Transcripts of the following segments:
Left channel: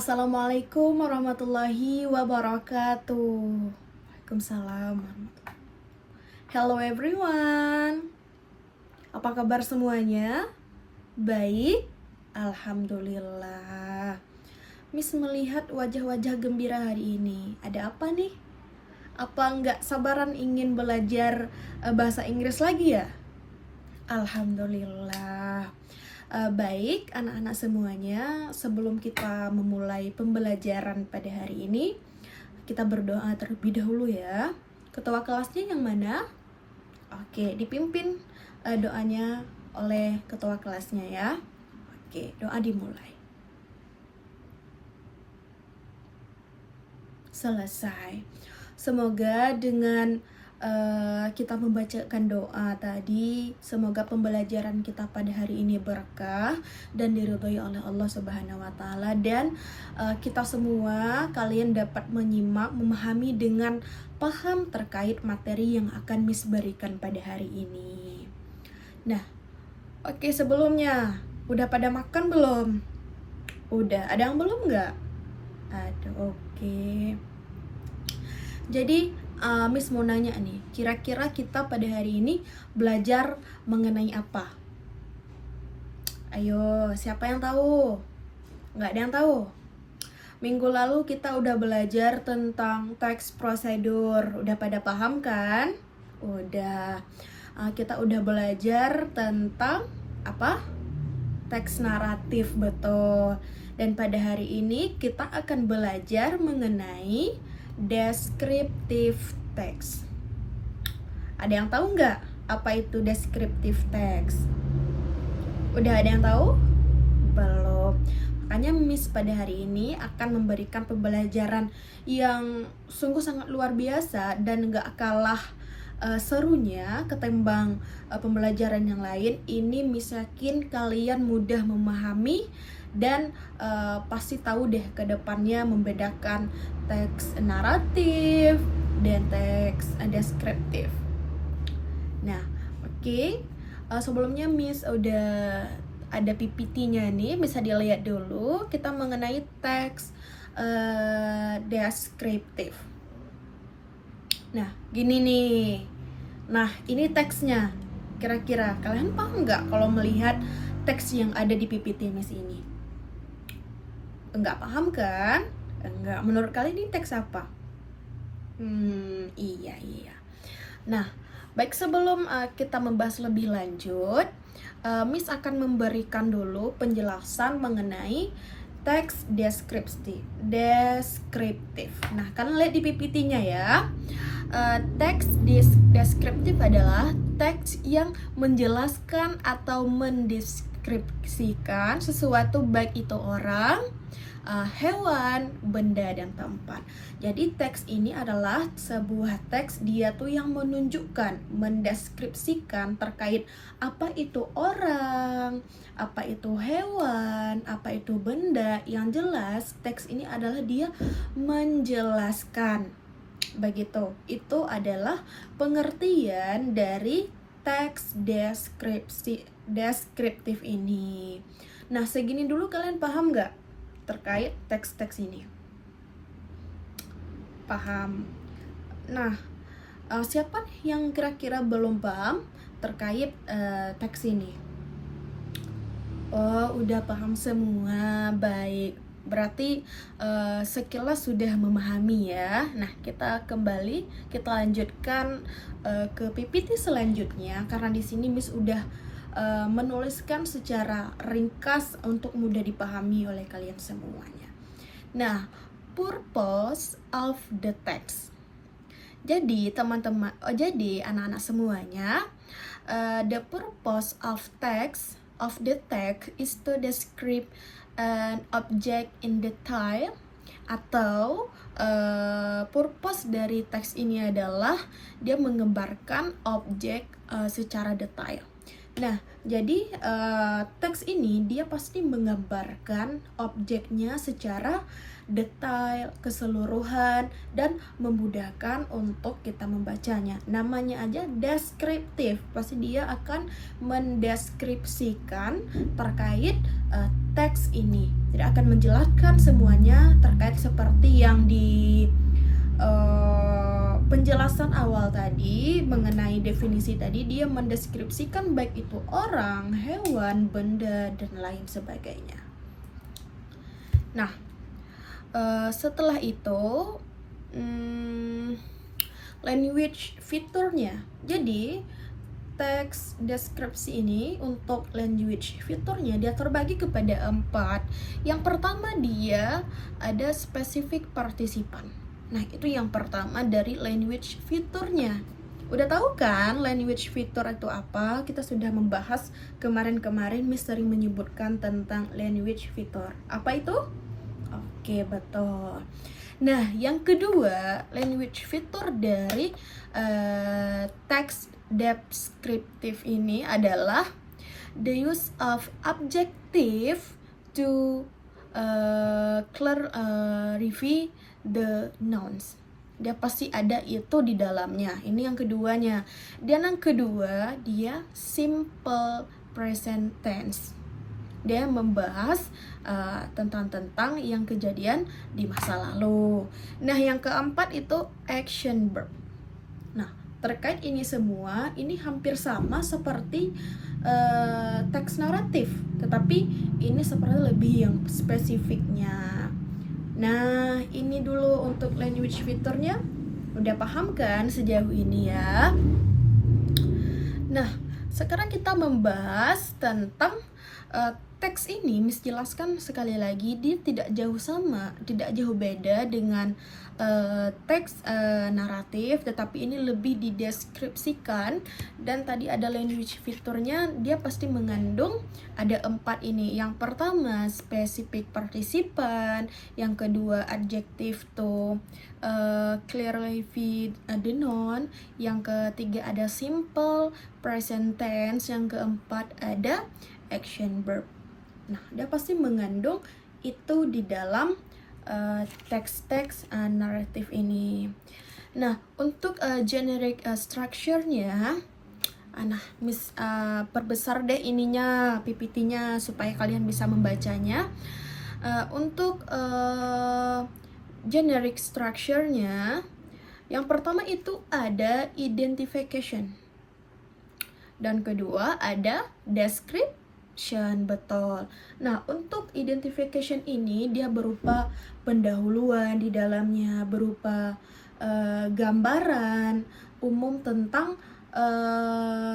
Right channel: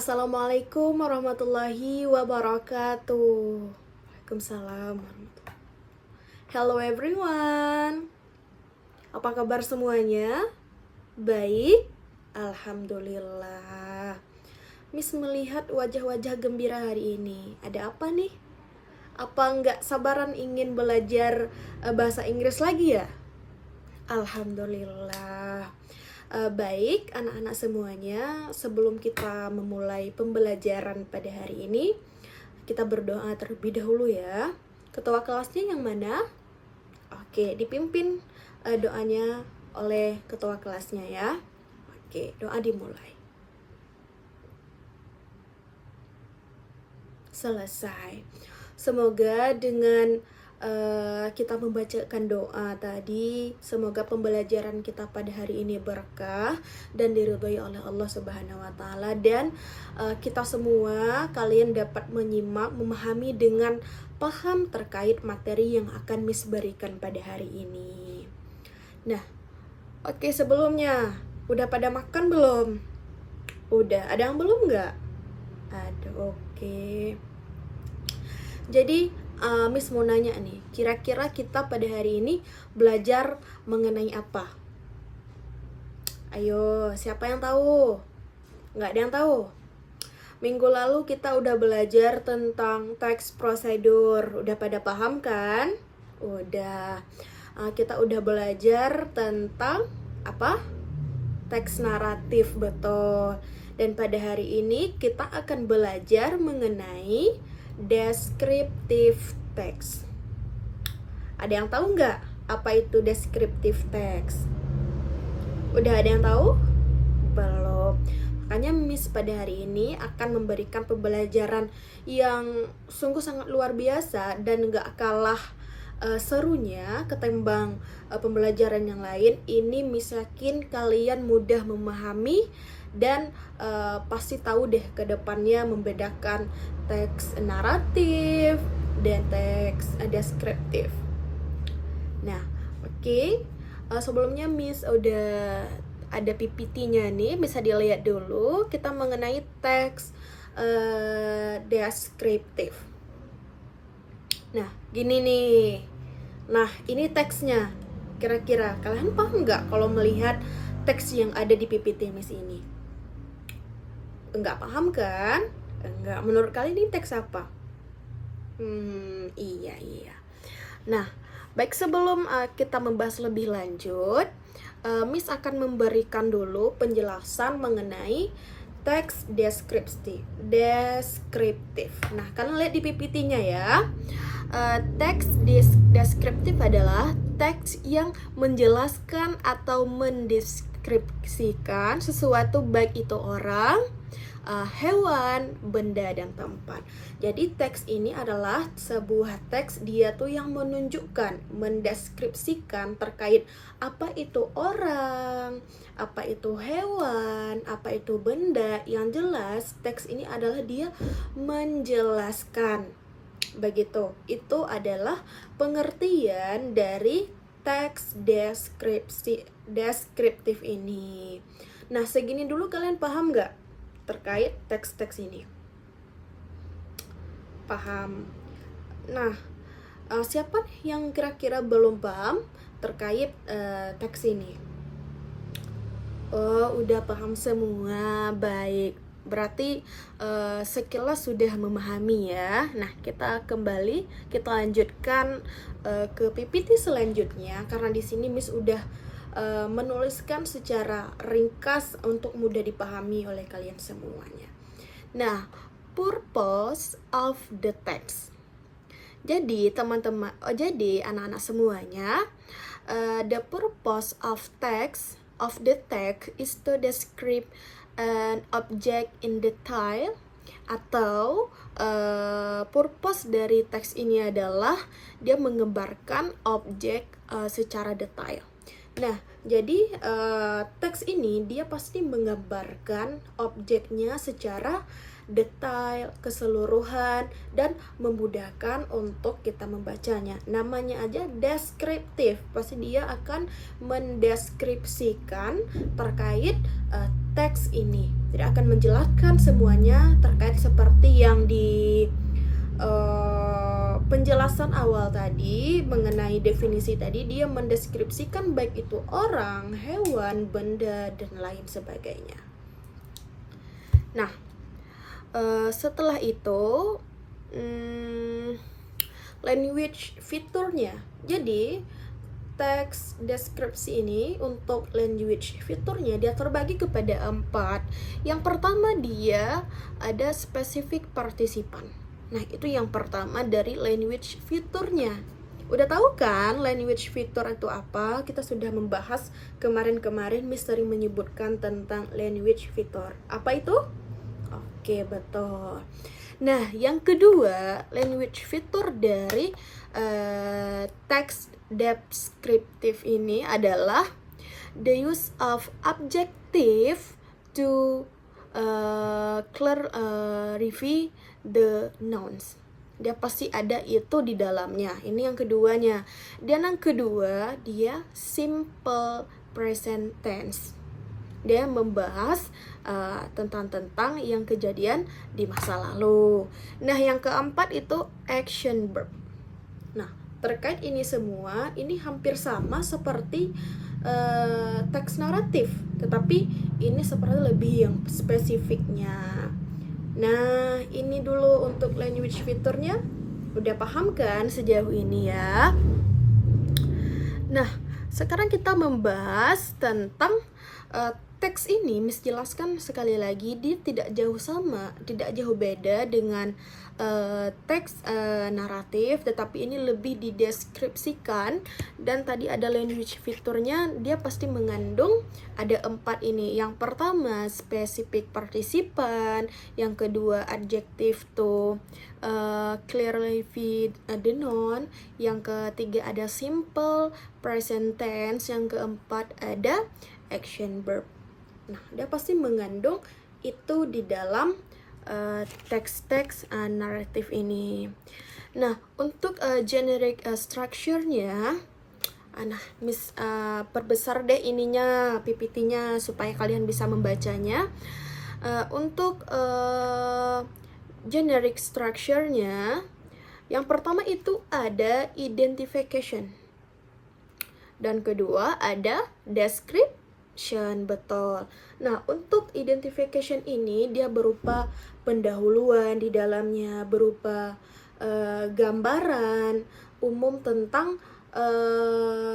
Assalamualaikum warahmatullahi wabarakatuh. Waalaikumsalam warahmatullahi. Hello everyone. Apa kabar semuanya? Baik? Alhamdulillah. Miss melihat wajah-wajah gembira hari ini. Ada apa nih? Apa nggak sabaran ingin belajar bahasa Inggris lagi ya? Alhamdulillah. Baik, anak-anak semuanya, sebelum kita memulai pembelajaran pada hari ini, kita berdoa terlebih dahulu ya. Ketua kelasnya yang mana? Oke, dipimpin doanya oleh ketua kelasnya ya. Oke, doa dimulai. Selesai. Semoga dengan kita membacakan doa tadi, semoga pembelajaran kita pada hari ini berkah dan diridhoi oleh Allah Subhanahu wa taala, dan kita semua kalian dapat menyimak, memahami dengan paham terkait materi yang akan Miss berikan pada hari ini. Nah, oke, sebelumnya udah pada makan belum? Udah, ada yang belum nggak? Ada, oke. Jadi Miss mau nanya nih, kira-kira kita pada hari ini belajar mengenai apa? Ayo, siapa yang tahu? Nggak ada yang tahu? Minggu lalu kita udah belajar tentang teks prosedur. Udah pada paham kan? Udah. Kita udah belajar tentang apa? Teks naratif, betul. Dan pada hari ini kita akan belajar mengenai descriptive text. Ada yang tahu nggak apa itu descriptive text? Udah ada yang tahu? Belum. Makanya Miss pada hari ini akan memberikan pembelajaran yang sungguh sangat luar biasa dan nggak kalah serunya ketimbang pembelajaran yang lain. Ini Miss yakin kalian mudah memahami dan pasti tahu deh ke depannya membedakan teks naratif dan teks deskriptif. Nah, oke. Sebelumnya Miss udah ada PPT-nya nih, bisa dilihat dulu. Kita mengenai teks deskriptif. Nah, gini nih. Nah, ini teksnya. Kira-kira kalian paham nggak kalau melihat teks yang ada di PPT Miss ini? Enggak paham kan? Enggak. Menurut kalian ini teks apa? Iya. Nah, baik, sebelum kita membahas lebih lanjut, Miss akan memberikan dulu penjelasan mengenai teks deskriptif. Nah, kalian lihat di PPT-nya ya. Teks deskriptif adalah teks yang menjelaskan atau mendeskripsikan sesuatu, baik itu orang, hewan, benda, dan tempat. Jadi teks ini adalah sebuah teks, dia tuh yang menunjukkan, mendeskripsikan terkait apa itu orang, apa itu hewan, apa itu benda. Yang jelas teks ini adalah dia menjelaskan. Begitu. Itu adalah pengertian dari teks deskriptif ini. Nah, segini dulu kalian paham nggak terkait teks-teks ini? Paham? Nah, siapa yang kira-kira belum paham terkait teks ini? Oh, udah paham semua. Baik, berarti sekilas sudah memahami ya. Nah, kita lanjutkan ke PPT selanjutnya, karena di sini Miss udah menuliskan secara ringkas untuk mudah dipahami oleh kalian semuanya. Nah, purpose of the text. Jadi teman-teman, jadi anak-anak semuanya, the purpose of the text is to describe an object in detail, atau purpose dari teks ini adalah dia menggambarkan objek secara detail. Nah, jadi teks ini dia pasti menggambarkan objeknya secara detail, keseluruhan, dan memudahkan untuk kita membacanya. Namanya aja deskriptif, pasti dia akan mendeskripsikan terkait teks ini. Tidak akan menjelaskan semuanya terkait seperti yang di penjelasan awal tadi mengenai definisi tadi. Dia mendeskripsikan baik itu orang, hewan, benda, dan lain sebagainya. Nah, setelah itu language fiturnya. Jadi teks deskripsi ini untuk language fiturnya dia terbagi kepada 4. Yang pertama dia ada specific participan. Nah, itu yang pertama dari language fiturnya. Udah tahu kan language fitur itu apa? Kita sudah membahas kemarin-kemarin, Miss sering menyebutkan tentang language fitur. Apa itu? Oke, betul. Nah, yang kedua, language fitur dari teks deskriptif ini adalah the use of adjective to clarify the nouns. Dia pasti ada itu di dalamnya. Ini yang keduanya. Dan yang kedua, dia simple present tense. Dia membahas tentang yang kejadian di masa lalu. Nah, yang keempat itu action verb. Nah, terkait ini semua, ini hampir sama seperti teks naratif, tetapi ini seperti lebih yang spesifiknya. Nah, ini dulu untuk language fiturnya. Udah paham kan sejauh ini ya? Nah, sekarang kita membahas tentang teks ini. Miss jelaskan sekali lagi, dia tidak jauh sama, tidak jauh beda dengan teks naratif, tetapi ini lebih dideskripsikan. Dan tadi ada language fiturnya, dia pasti mengandung ada 4 ini. Yang pertama specific participan, yang kedua adjective to clarify the noun, yang ketiga ada simple present tense, yang keempat ada action verb. Nah, dia pasti mengandung itu di dalam teks-teks naratif ini. Nah, untuk generic structure-nya, nah, Miss perbesar deh ininya, PPT-nya supaya kalian bisa membacanya. Untuk generic structure-nya, yang pertama itu ada identification. Dan kedua ada description, betul. Nah, untuk identification ini dia berupa pendahuluan di dalamnya, berupa gambaran umum tentang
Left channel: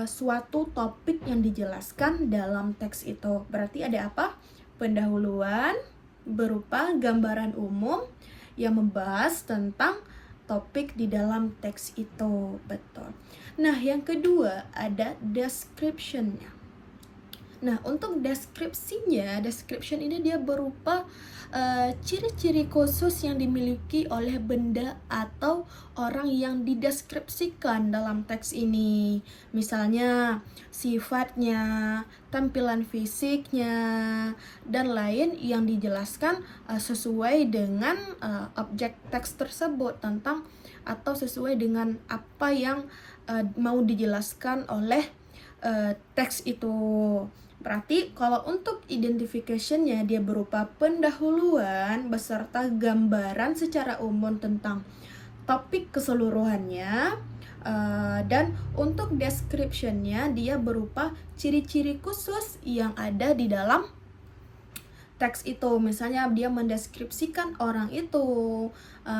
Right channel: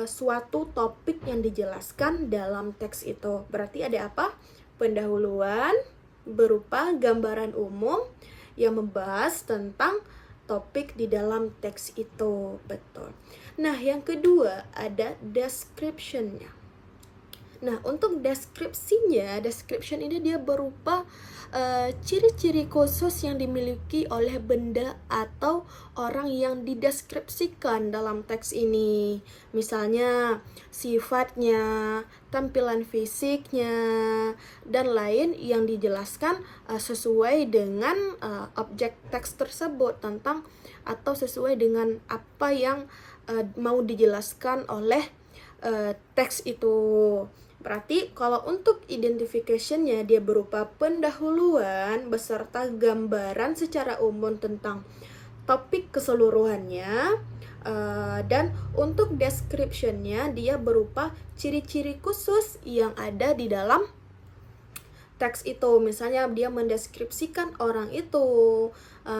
suatu topik yang dijelaskan dalam teks itu. Berarti ada apa? Pendahuluan berupa gambaran umum yang membahas tentang topik di dalam teks itu, betul. Nah, yang kedua ada description-nya. Nah, untuk description ini dia berupa ciri-ciri khusus yang dimiliki oleh benda atau orang yang dideskripsikan dalam teks ini. Misalnya sifatnya, tampilan fisiknya, dan lain yang dijelaskan sesuai dengan objek teks tersebut tentang atau sesuai dengan apa yang mau dijelaskan oleh teks itu. Berarti kalau untuk identification-nya dia berupa pendahuluan beserta gambaran secara umum tentang topik keseluruhannya. Dan untuk description-nya dia berupa ciri-ciri khusus yang ada di dalam teks itu. Misalnya dia mendeskripsikan orang itu,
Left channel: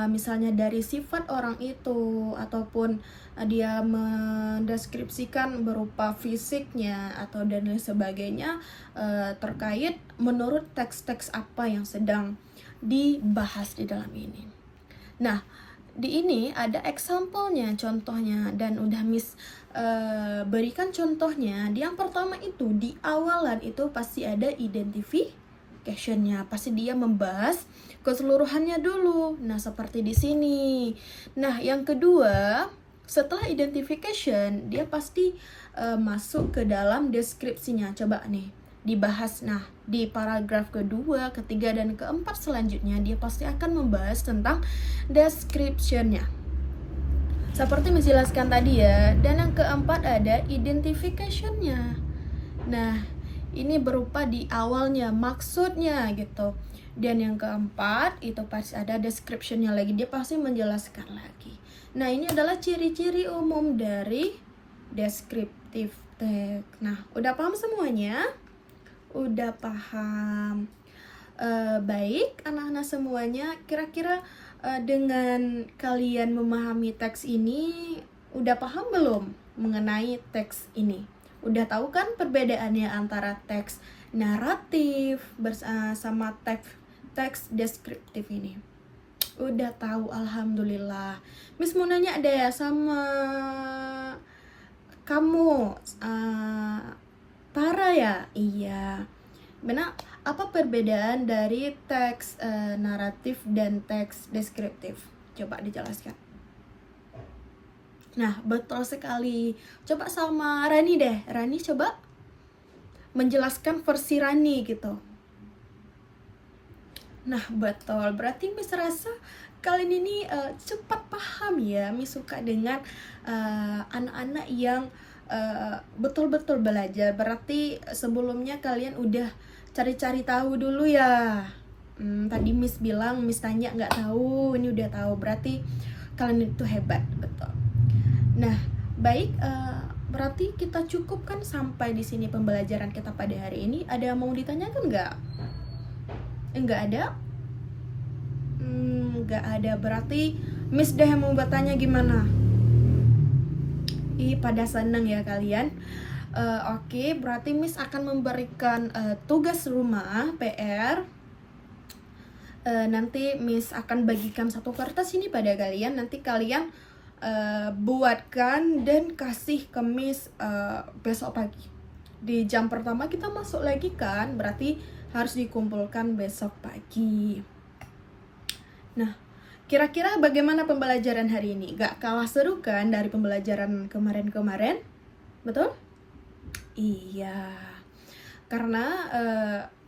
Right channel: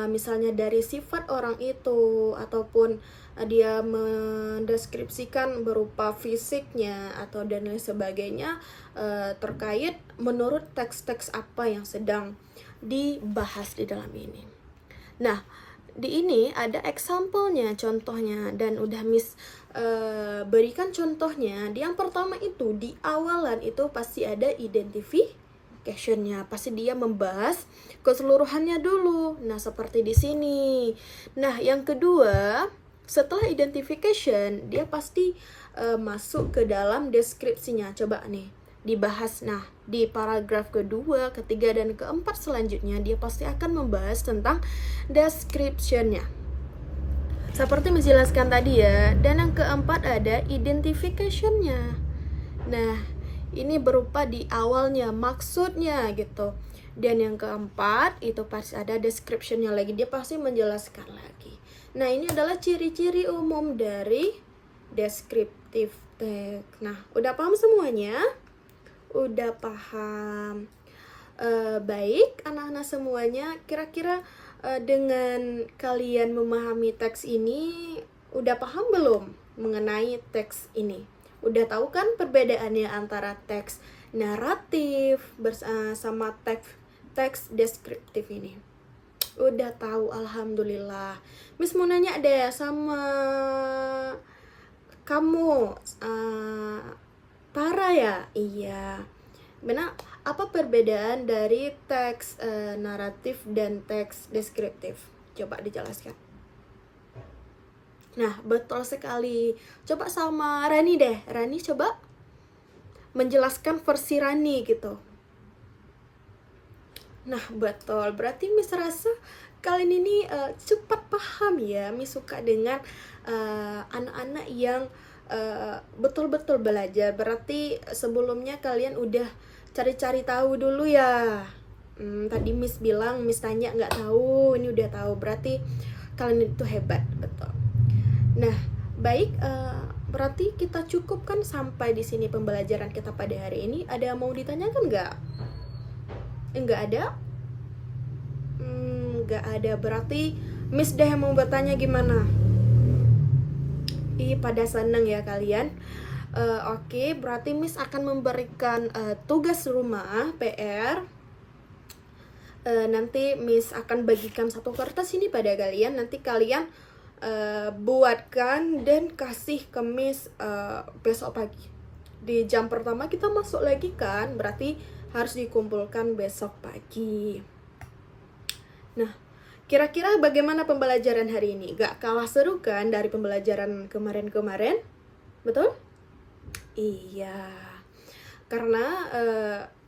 misalnya dari sifat orang itu, ataupun dia mendeskripsikan berupa fisiknya atau dan lain sebagainya, terkait menurut teks-teks apa yang sedang dibahas di dalam ini. Nah, di ini ada example-nya, contohnya, dan udah Miss berikan contohnya. Yang pertama itu di awalan itu pasti ada identification-nya, pasti dia membahas keseluruhannya dulu. Nah, seperti di sini. Nah, yang kedua, setelah identification dia pasti masuk ke dalam deskripsinya. Coba nih, dibahas. Nah, di paragraf kedua, ketiga, dan keempat selanjutnya dia pasti akan membahas tentang description-nya. Seperti menjelaskan tadi ya. Dan yang keempat ada identification-nya. Nah, ini berupa di awalnya, maksudnya gitu. Dan yang keempat itu pasti ada description-nya lagi. Dia pasti menjelaskan lagi. Nah, ini adalah ciri-ciri umum dari descriptive text. Nah, udah paham semuanya? Udah paham? Baik, anak-anak semuanya, kira-kira dengan kalian memahami teks ini, udah paham belum mengenai teks ini? Udah tahu kan perbedaannya antara teks naratif sama teks deskriptif ini? Udah tahu, alhamdulillah. Miss mau nanya deh sama kamu, Tara ya? Iya. Benar, apa perbedaan dari teks naratif dan teks deskriptif? Coba dijelaskan. Nah, betul sekali. Coba sama Rani deh. Rani coba menjelaskan versi Rani gitu. Nah, betul. Berarti Miss rasa kalian ini cepat paham ya. Miss suka dengan anak-anak yang betul-betul belajar. Berarti sebelumnya kalian udah cari-cari tahu dulu ya. Tadi Miss bilang, Miss tanya nggak tahu, ini udah tahu. Berarti kalian itu hebat, betul. Nah, baik. Berarti kita cukupkan sampai di sini pembelajaran kita pada hari ini. Ada yang mau ditanyakan nggak? Nggak ada? Nggak ada. Berarti Miss deh yang mau bertanya gimana? Pada seneng ya kalian. Oke, berarti Miss akan memberikan tugas rumah PR. Nanti Miss akan bagikan satu kertas ini pada kalian. Nanti kalian buatkan dan kasih ke Miss besok pagi. Di jam pertama kita masuk lagi kan, berarti harus dikumpulkan besok pagi. Nah, kira-kira bagaimana pembelajaran hari ini? Gak kalah seru kan dari pembelajaran kemarin-kemarin? Betul? Iya. Karena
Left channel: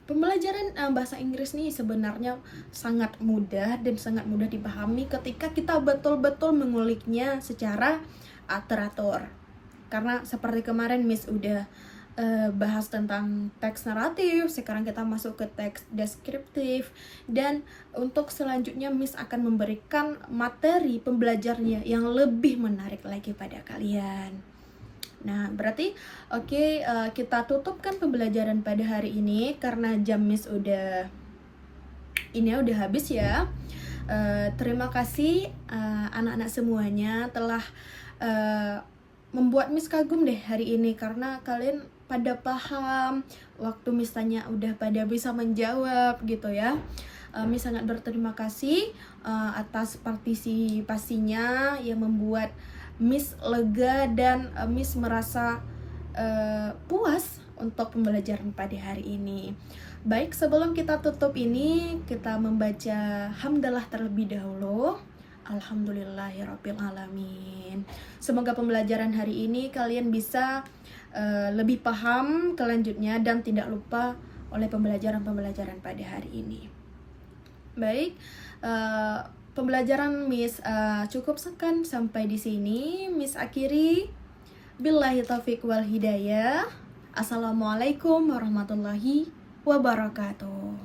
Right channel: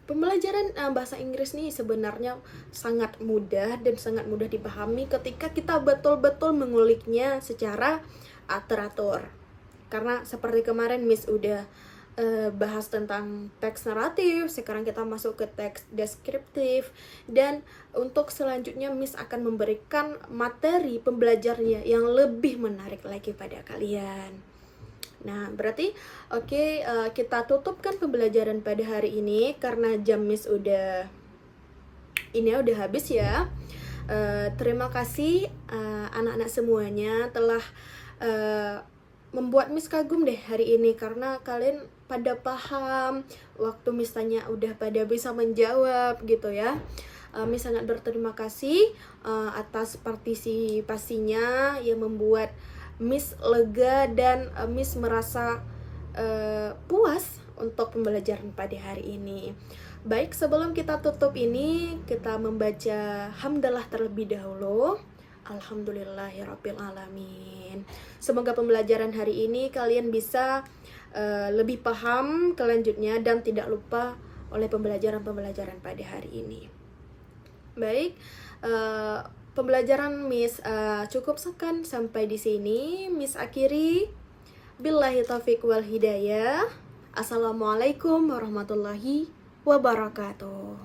pembelajaran bahasa Inggris nih sebenarnya sangat mudah dan sangat mudah dipahami ketika kita betul-betul menguliknya secara teratur. Karena seperti kemarin Miss udah bahas tentang teks naratif, sekarang kita masuk ke teks deskriptif, dan untuk selanjutnya Miss akan memberikan materi pembelajarnya yang lebih menarik lagi pada kalian. Nah, berarti oke, kita tutupkan pembelajaran pada hari ini karena jam Miss udah habis ya. Terima kasih anak-anak semuanya telah membuat Miss kagum deh hari ini karena kalian pada paham, waktu Miss tanya udah pada bisa menjawab gitu ya. Miss sangat berterima kasih atas partisipasinya yang membuat Miss lega dan Miss merasa puas untuk pembelajaran pada hari ini. Baik, sebelum kita tutup ini, kita membaca hamdalah terlebih dahulu. Alhamdulillahirabbil alamin. Semoga pembelajaran hari ini kalian bisa lebih paham kelanjutnya dan tidak lupa oleh pembelajaran-pembelajaran pada hari ini. Baik, pembelajaran Miss cukup sekian sampai di sini. Miss akhiri. Billahi taufiq wal hidayah. Assalamualaikum warahmatullahi wabarakatuh.